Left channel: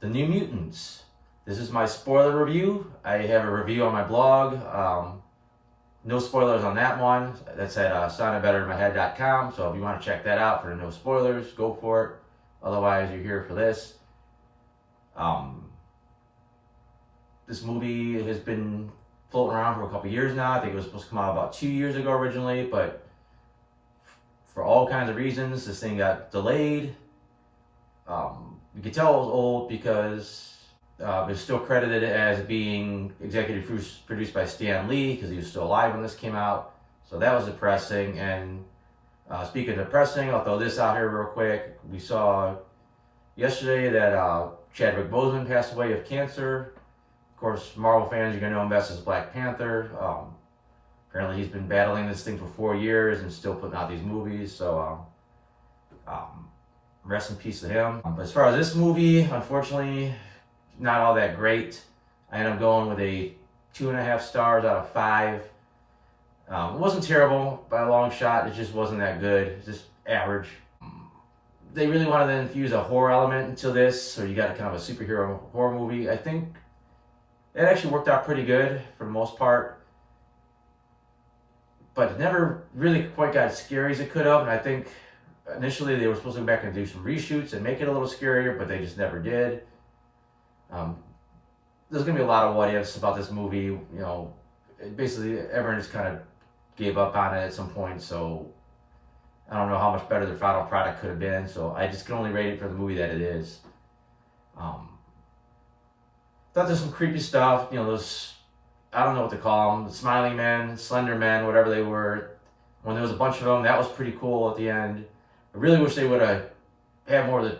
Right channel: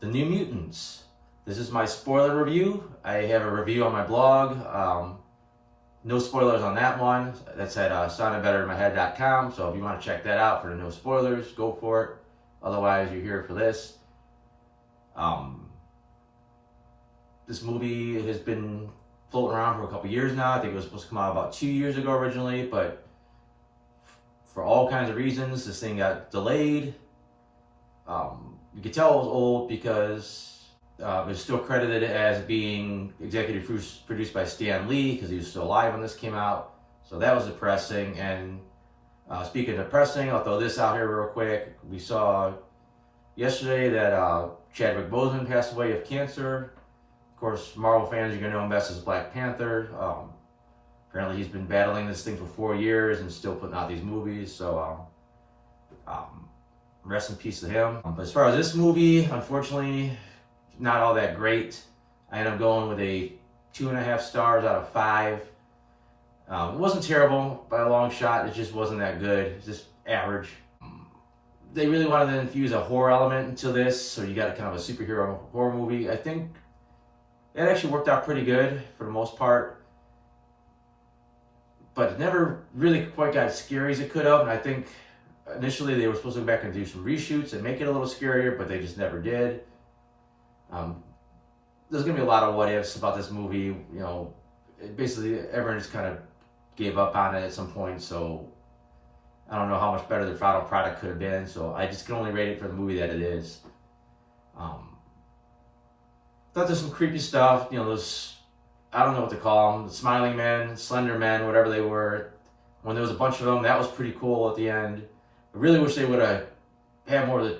The New Mutants. This is my spoiler review. I have a review on my blog. No spoilers on that one. That's at soundedbetterinmyhead.com. So if you want to check that out for the no spoilers, go for it. Otherwise, you're here for this. This movie has been floating around for a couple years now. I think it was supposed to come out about 2 years ago originally, but for all kinds of reasons, this thing got delayed. You could tell it was old because it was still credited as being executive produced by Stan Lee because he was still alive when this came out. So that was depressing. And speaking of depressing, I'll throw this out here real quick. We saw yesterday that Chadwick Boseman passed away of cancer. Of course, Marvel fans, you're going to know him best as Black Panther. Apparently he's been battling this thing for 4 years and still putting out these movies. So rest in peace to him. But as far as this movie, unfortunately, not all that great. I ended up going with a 2.5 stars out of 5. It wasn't terrible by a long shot. It just wasn't that good. Just average. They really wanted to infuse a horror element into this, so you got kind of a superhero horror movie. I think it actually worked out pretty good for the most part, but it never really quite got as scary as it could have. And I think initially they were supposed to go back and do some reshoots and make it a little scarier, but they just never did. There's going to be a lot of what ifs about this movie. You know, basically everyone just kind of gave up on it at some point, so I don't know how much better the final product could have been. So I just can only rate it for the movie that it is. Thought there's some creepy stuff. You know, those, I don't know what to call them, the smiling men, slender men, whatever they were. When there was a bunch of them, that was pretty cool at the end. I really wish they would have had more of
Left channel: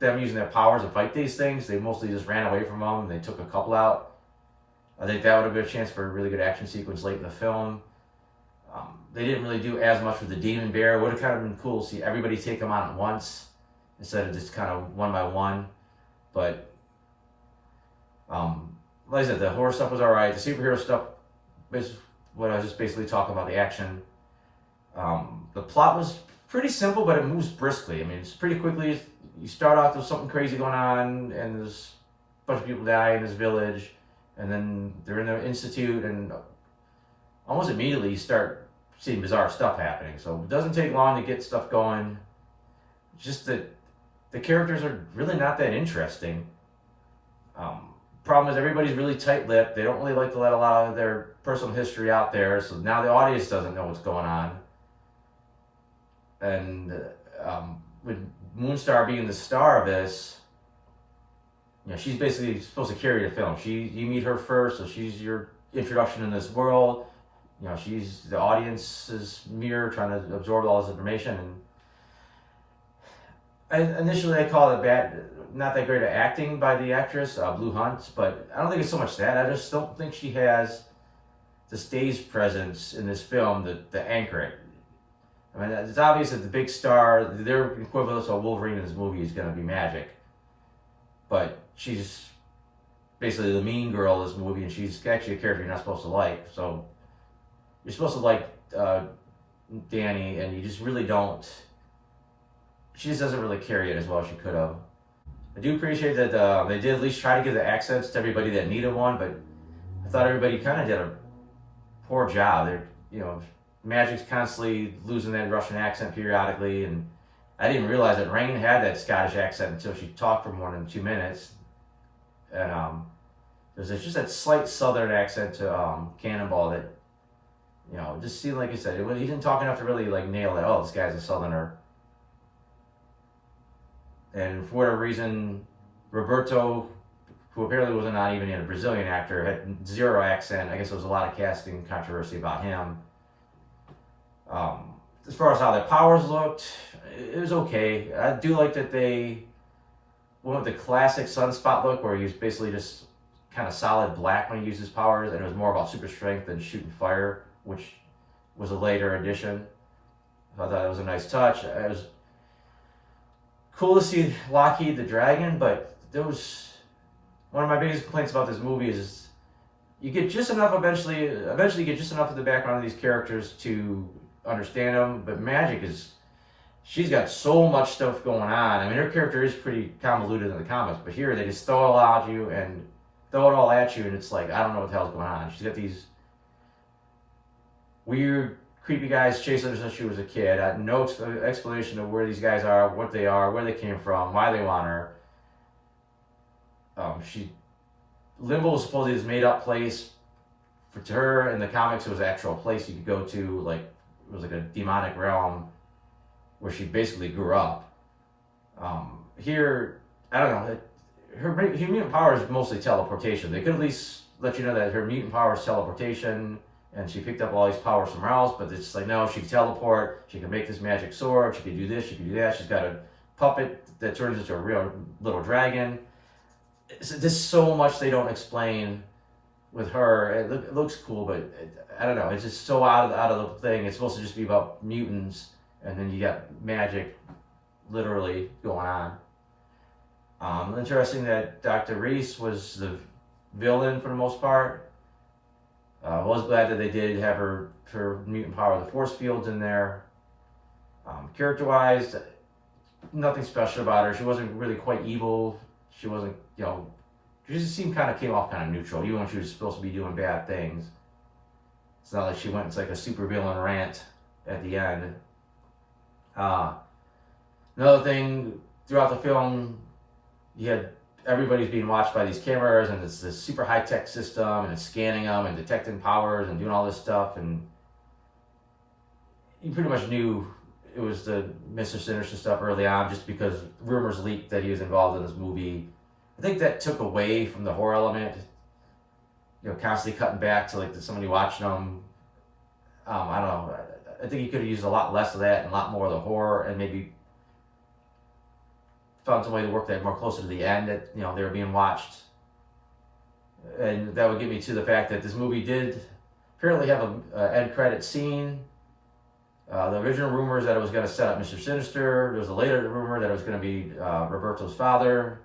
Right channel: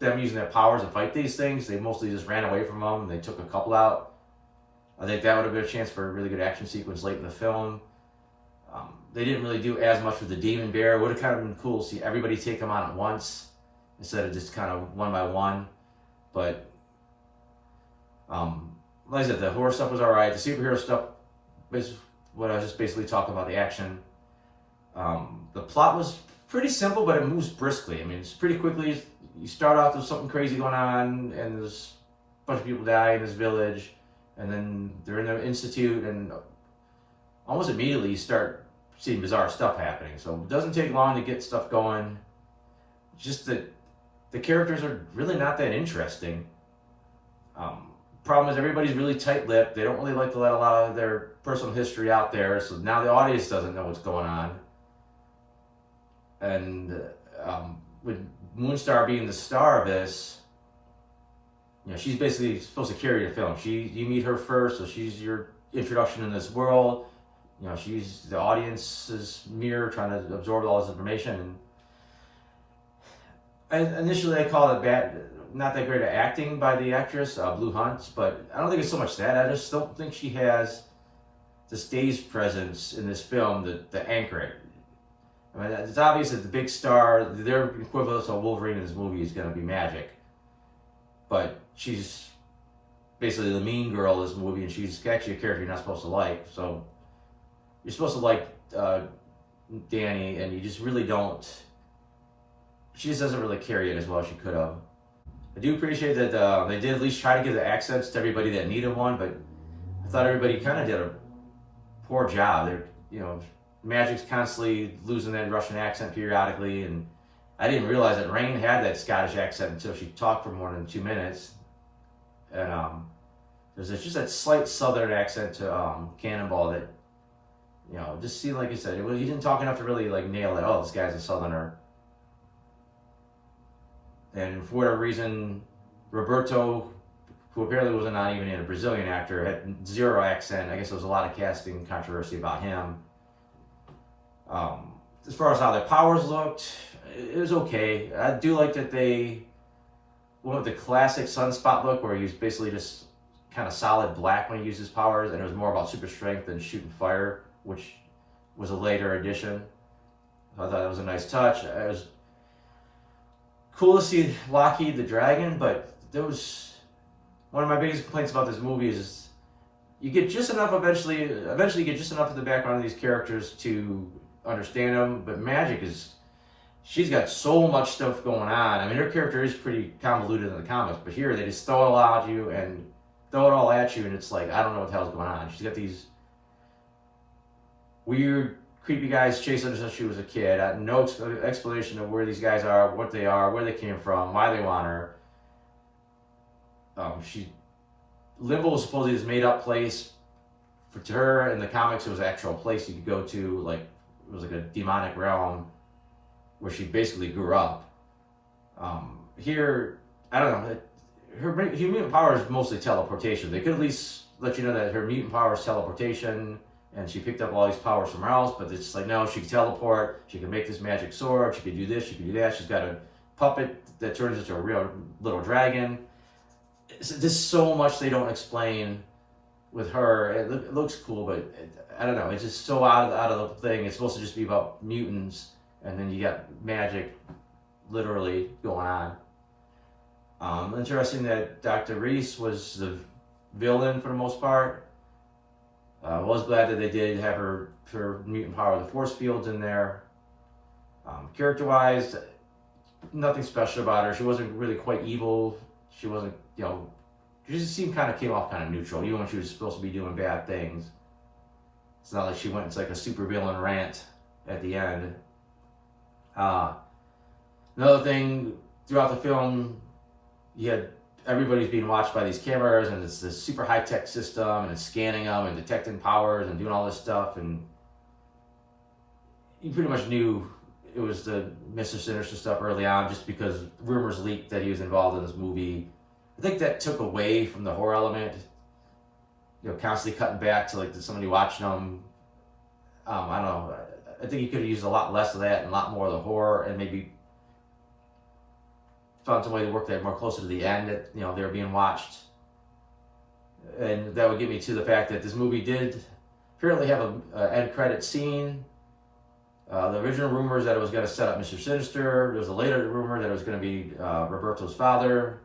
them using their powers to fight these things. They mostly just ran away from them. They took a couple out. I think that would have been a chance for a really good action sequence late in the film. They didn't really do as much with the demon bear. It would have kind of been cool to see everybody take them on at once instead of just kind of one by one. But like I said, the horror stuff was alright. The superhero stuff, what I was just basically talking about, the action. The plot was pretty simple, but it moves briskly. I mean, it's pretty quickly. You start off, there's something crazy going on, and there's a bunch of people die in this village, and then they're in the institute, and almost immediately you start seeing bizarre stuff happening. So it doesn't take long to get stuff going. It's just that the characters are really not that interesting. Problem is everybody's really tight-lipped. They don't really like to let a lot of their personal history out there, so now the audience doesn't know what's going on. And with Moonstar being the star of this, you know, she's basically supposed to carry the film. You meet her first, so she's your introduction in this world. You know, she's the audience's mirror, trying to absorb all this information. And initially I call it not that great at acting by the actress, Blue Hunt, but I don't think it's so much that. I just don't think she has the stage presence in this film to anchor it. I mean, it's obvious that the big star, their equivalent of Wolverine in this movie is going to be Magic. But she's basically the mean girl in this movie, and she's actually a character you're not supposed to like. So you're supposed to like Danny, and you just really don't. She just doesn't really carry it as well as she could have. I do appreciate that they did at least try to give the accents to everybody that needed one, but I thought everybody kind of did a poor job. They're, you know, Magic's constantly losing that Russian accent periodically, and I didn't realize that Rain had that Scottish accent until she talked for more than 2 minutes. And there's just that slight Southern accent to Cannonball that, you know, just seemed like I said, he didn't talk enough to really like nail it. Oh, this guy's a Southerner. And for whatever reason, Roberto, who apparently was not even a Brazilian actor, had zero accent. I guess there was a lot of casting controversy about him. As far as how their powers looked, it was okay. I do like that they went with the classic Sunspot look, where he was basically just kind of solid black when he used his powers, and it was more about super strength than shooting fire, which was a later addition. I thought it was a nice touch. It was cool to see Lockheed the Dragon, but there was one of my biggest complaints about this movie is you get just enough eventually you get just enough of the background of these characters to understand them, but Magic is she's got so much stuff going on. I mean, her character is pretty convoluted in the comics, but here they just throw it all at you, and it's like, I don't know what the hell's going on. She's got these weird, creepy guys chasing her since she was a kid. No explanation of where these guys are, what they are, where they came from, why they want her. Limbo was supposedly this made-up place. To her, in the comics, it was an actual place you could go to, like, it was like a demonic realm where she basically grew up. Here, I don't know, her mutant power is mostly teleportation. They could at least let you know that her mutant power is teleportation, and she picked up all these powers somewhere else, but it's like, no, she can teleport, she can make this magic sword, she can do this, she can do that, she's got a puppet that turns into a real little dragon. There's so much they don't explain with her. It looks cool, but I don't know, it's just so out of the thing. It's supposed to just be about mutants, and then you got magic literally going on. Interesting that Dr. Reese was the villain for the most part. I was glad that they did have her mutant power, the force fields in there. Character-wise, nothing special about her. She wasn't really quite evil. She wasn't, she just came off kind of neutral, even when she was supposed to be doing bad things. It's not like she went into like a super villain rant at the end. Another thing, throughout the film, you had everybody's being watched by these cameras, and it's this super high-tech system, and it's scanning them and detecting powers and doing all this stuff, and you pretty much knew it was the Mr. Sinister stuff early on, just because rumors leaked that he was involved in this movie. I think that took away from the horror element, constantly cutting back to like somebody watching them. I don't know. I think he could have used a lot less of that and a lot more of the horror, and maybe found some way to work that more closer to the end that, they were being watched. And that would get me to the fact that this movie did apparently have an end credit scene. The original rumor is that it was going to set up Mr. Sinister. There was a later rumor that it was going to be Roberto's father.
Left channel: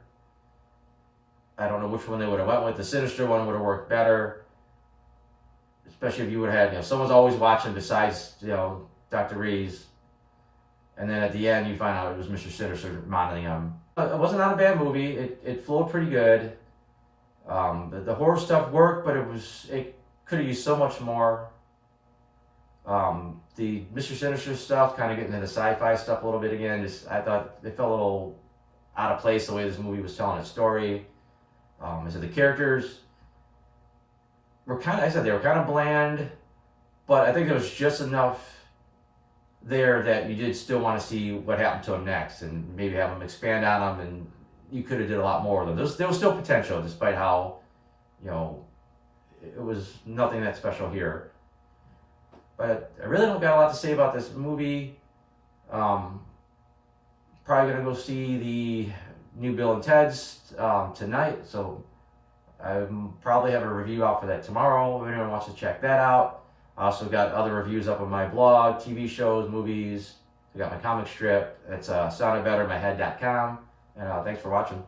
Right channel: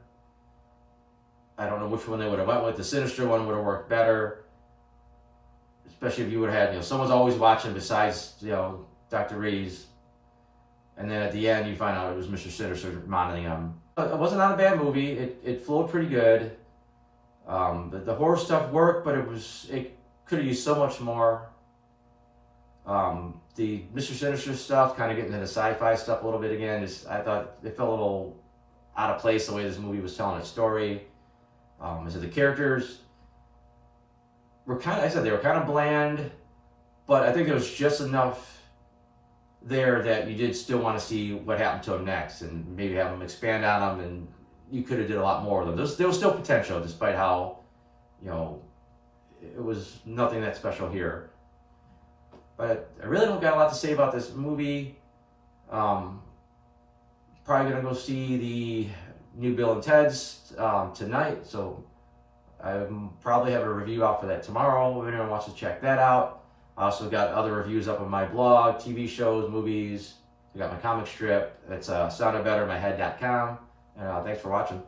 I don't know which one they would have went with. The Sinister one would have worked better, especially if you would have had, someone's always watching besides, Dr. Reese. And then at the end, you find out it was Mr. Sinister monitoring him. It wasn't not a bad movie. It flowed pretty good. The horror stuff worked, but it could have used so much more. The Mr. Sinister stuff, kind of getting into the sci-fi stuff a little bit again, I thought it felt a little out of place the way this movie was telling its story. The characters were they were kind of bland, but I think there was just enough there that you did still want to see what happened to him next, and maybe have him expand on him, and you could have did a lot more of them. There was still potential, despite how, it was nothing that special here. But I really don't got a lot to say about this movie. Probably gonna go see the new Bill and Ted's tonight, so I probably have a review out for that tomorrow if anyone wants to check that out. I also got other reviews up on my blog, TV shows, movies. I got my comic strip. It's soundedbettermyhead.com. And thanks for watching.